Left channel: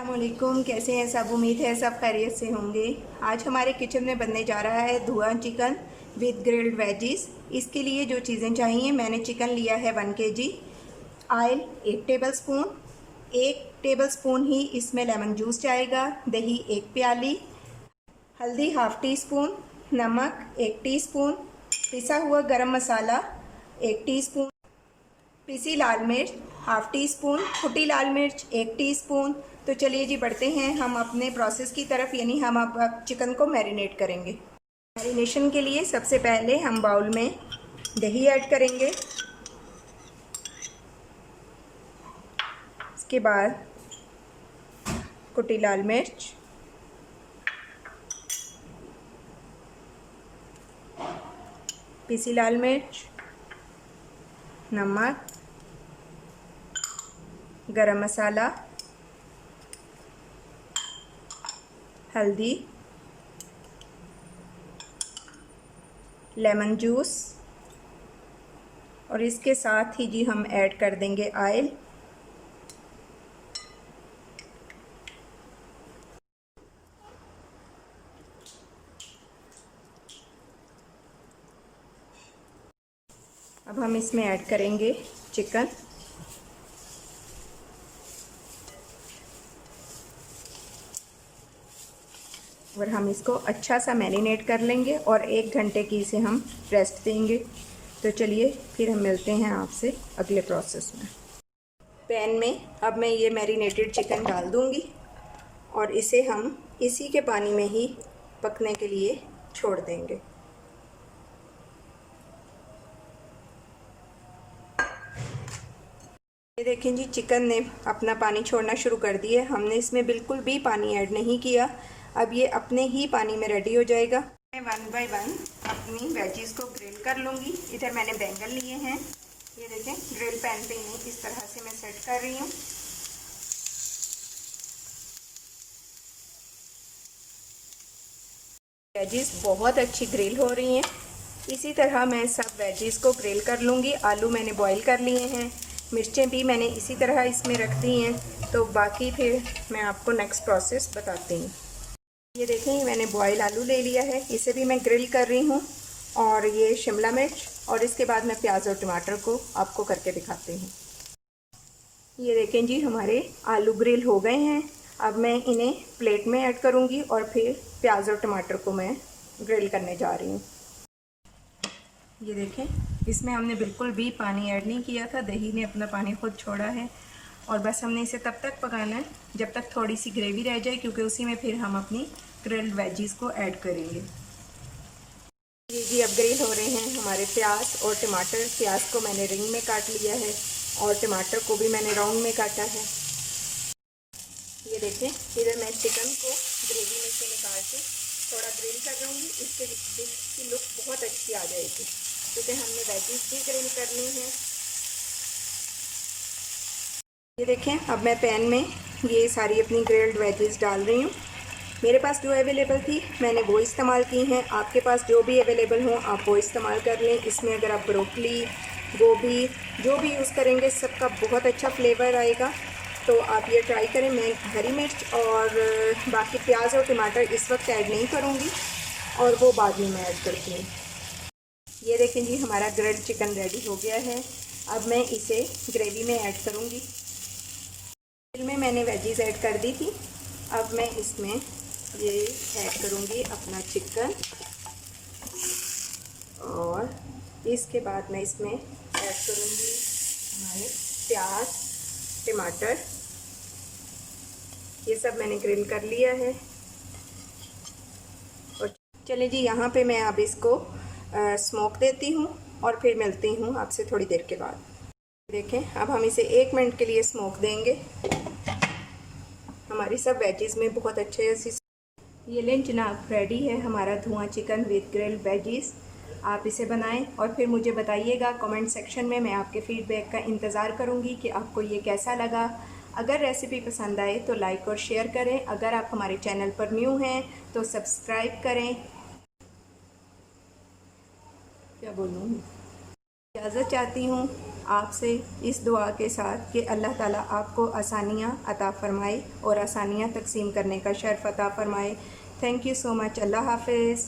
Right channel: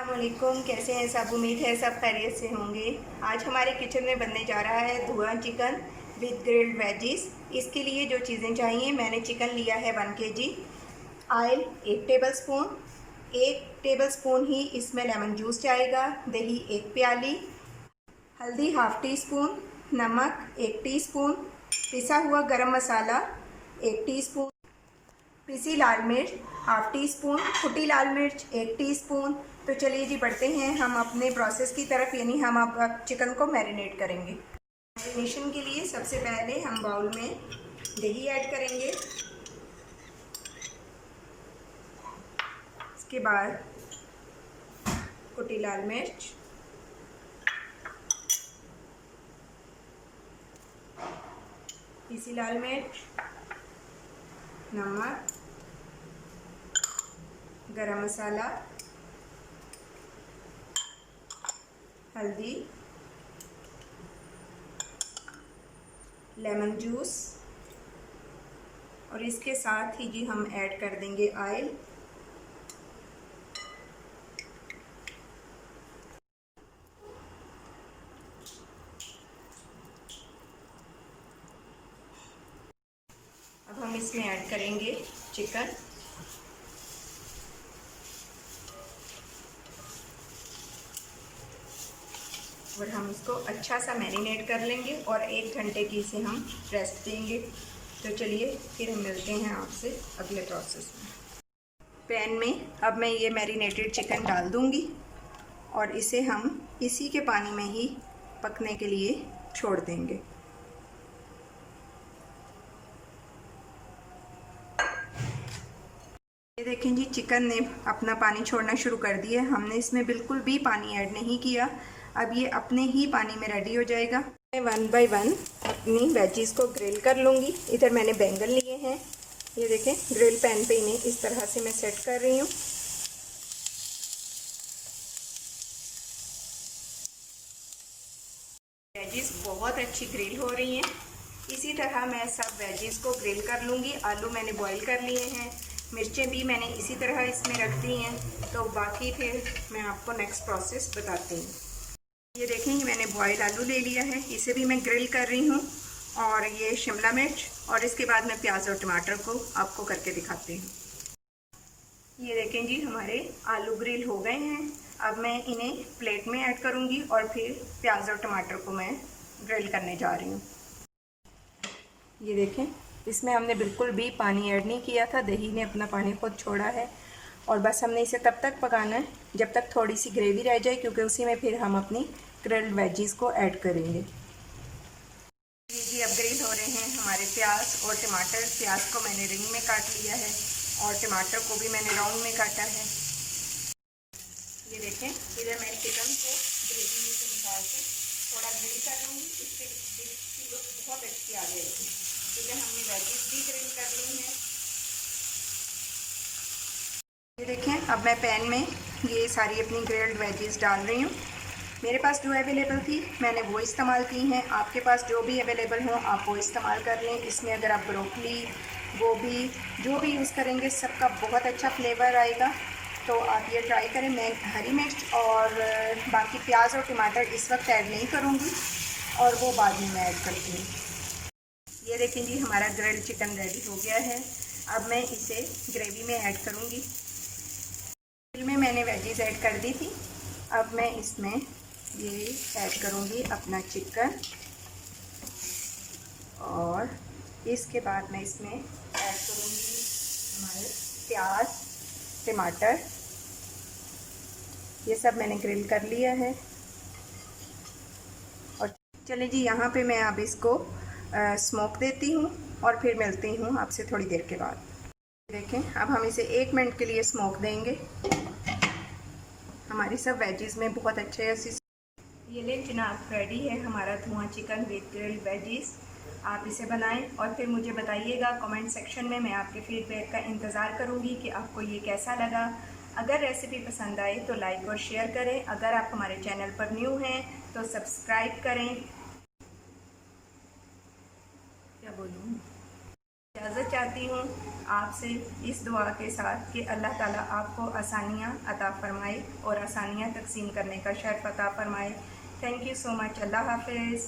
अस्सलामुअलैकुम, कैसे हैं सब। उम्मीद है सब खैरियत से होंगे। आज हमारे किचन में बनने जा रहा है धुआं चिकन विद ग्रिल्ड वेजिस। इसके लिए जो चीज़ें चाहिए, मैंने चिकन लिया है 1 kg, ऑयल 1 टेबलस्पून, 1 टेबलस्पून ही इसमें लेमन जूस जाएगा, दही 1 प्याली, हल्दी ½ टीस्पून, नमक 1 टीस्पून, पिसा हुआ गरम मसाला 1 टीस्पून, पिसी लाल मिर्च ½ टीस्पून, कुटी लाल मिर्च 1 टीस्पून। तो चलिए जी बढ़ते हैं हम अपने प्रोसेस की तरफ, यानी हम अब चिकन को मैरिनेट करेंगे। मैरिनेशन के लिए सबसे पहले हम बाउल में दही ऐड करेंगे, इसके बाद कुटी लाल मिर्च, पिसी लाल मिर्च, नमक, गरम मसाला, हल्दी, लेमन जूस और इसके साथ ही जी हम ऐड कर देंगे ऑयल। अब हम इसमें ऐड करेंगे चिकन। और हम इसको अच्छा सा मैरिनेट कर लेंगे और 1 घंटे की इसे हम रेस्ट देंगे। तो चलिए फिर हम मिलते हैं आपसे अगले प्रोसेस में। पैन में अब मैं ये मैरिनेटेड चिकन डाल दूंगी और इसे हम इसी के पानी में ही पकने के लिए छोड़ देंगे। ये देखें जी, चिकन ने अपना पानी छोड़ना शुरू कर दिया। हमने इसमें बिल्कुल भी पानी ऐड नहीं किया। अब ये अपने ही पानी में रेडी हो जाएगा। मैं 1 बाय 1 अपनी वेजिस को ग्रिल कर लूँगी। इधर मैंने बैंगन लिए हैं, ये देखें ग्रिल पैन पे इन्हें इस तरह से मैं सेट कर रही हूँ। वेजिस बहुत अच्छी ग्रिल हो रही हैं। इसी तरह मैं सब वेजिस को ग्रिल कर लूँगी। आलू मैंने बॉईल कर लिए हैं, मिर्चें भी मैंने इसी तरह इसमें रख दी हैं। तो बाकी फिर मैं आपको नेक्स्ट प्रोसेस बताती हूँ। ये देखें, मैंने बॉयल आलू ले लिया है, इसे भी मैं ग्रिल कर रही हूँ। और ये शिमला मिर्च और इसके बाद मैं प्याज और टमाटर को आपको करके दिखाती हूँ। ये देखें जी, हमारे आलू ग्रिल हो गए हैं। अब मैं इन्हें प्लेट में ऐड करूँगी और फिर प्याज और टमाटर को मैं ग्रिल करने जा रही हूँ। ये देखें, इसमें हमने बिल्कुल भी पानी ऐड नहीं किया था, दही ने अपना पानी खुद छोड़ा है। और बस हमने इसे तब तक पकाना है जब तक थोड़ी सी ग्रेवी रह जाए, क्योंकि उसी में फिर हम अपनी ग्रिल्ड वेजीज को ऐड करेंगे। ये जी अब ग्रिल हो रहे हैं हमारे प्याज और टमाटर। प्याज को मैंने रिंग में काट लिया है और टमाटर को भी मैंने राउंड में काटा है। ये देखें, इधर मैं चिकन को ग्रेवी में से निकाल के थोड़ा ग्रिल कर लूँगी। इससे डिश की लुक बहुत अच्छी आ जाएगी, क्योंकि हमने वेजीज भी ग्रिल करनी है। ये देखें, अब मैं पैन में ये सारी अपनी ग्रिल्ड वेजीज डाल रही हूँ। मेरे पास जो अवेलेबल थी मैंने वो इस्तेमाल की हैं। आपके पास जो भी अवेलेबल हो आप वो इस्तेमाल कर लें। इसमें अगर आप ब्रोकली, गोभी जो भी यूज़ करेंगे सबका बहुत अच्छा फ्लेवर आएगा। तो आप ये ट्राई करें। मैं हरी मिर्च और बाकी प्याज और टमाटर इस वक्त ऐड नहीं करूँगी और वो बाद में मैं ऐड करती हूँ। ये देखें जी, हमारा ग्रिल्ड चिकन रेडी हो गया है। अब मैं इसे ग्रेवी में ऐड करूँगी। में मैंने वेजीज ऐड कर दी थी। अब मैं इसमें ये ऐड करूँगी अपना चिकन और इसके बाद मैं इसमें ऐड करूँगी हमारे प्याज, टमाटर। ये सब मैंने ग्रिल कर लिया है। और चलें जी, यहाँ पे मैं अब इसको स्मोक देती हूँ और फिर मिलती हूँ आपसे थोड़ी देर के बाद। देखें, अब हम इसे 1 मिनट के लिए स्मोक देंगे। हमारी सब वेजीज में बहुत अच्छे से ये लें जनाब, रेडी है हमारा धुआं चिकन विद ग्रिल्ड वेजीज। आप इसे बनाएं और फिर मुझे बताइएगा कमेंट सेक्शन में। मैं आपके फीडबैक का इंतज़ार करूंगी कि आपको ये कैसा लगा। अगर रेसिपी पसंद आए तो लाइक और शेयर करें। अगर आप हमारे चैनल पर न्यू हैं तो सब्सक्राइब करें। क्या बोलूँ, इजाज़त चाहती हूँ आपसे इस दुआ के साथ कि अल्लाह ताला आपको आसानियाँ अता फ़रमाए और आसानियाँ तकसीम करने का शर्फ अता फ़रमाए। Thank you so much. अल्लाह हाफ़िज़।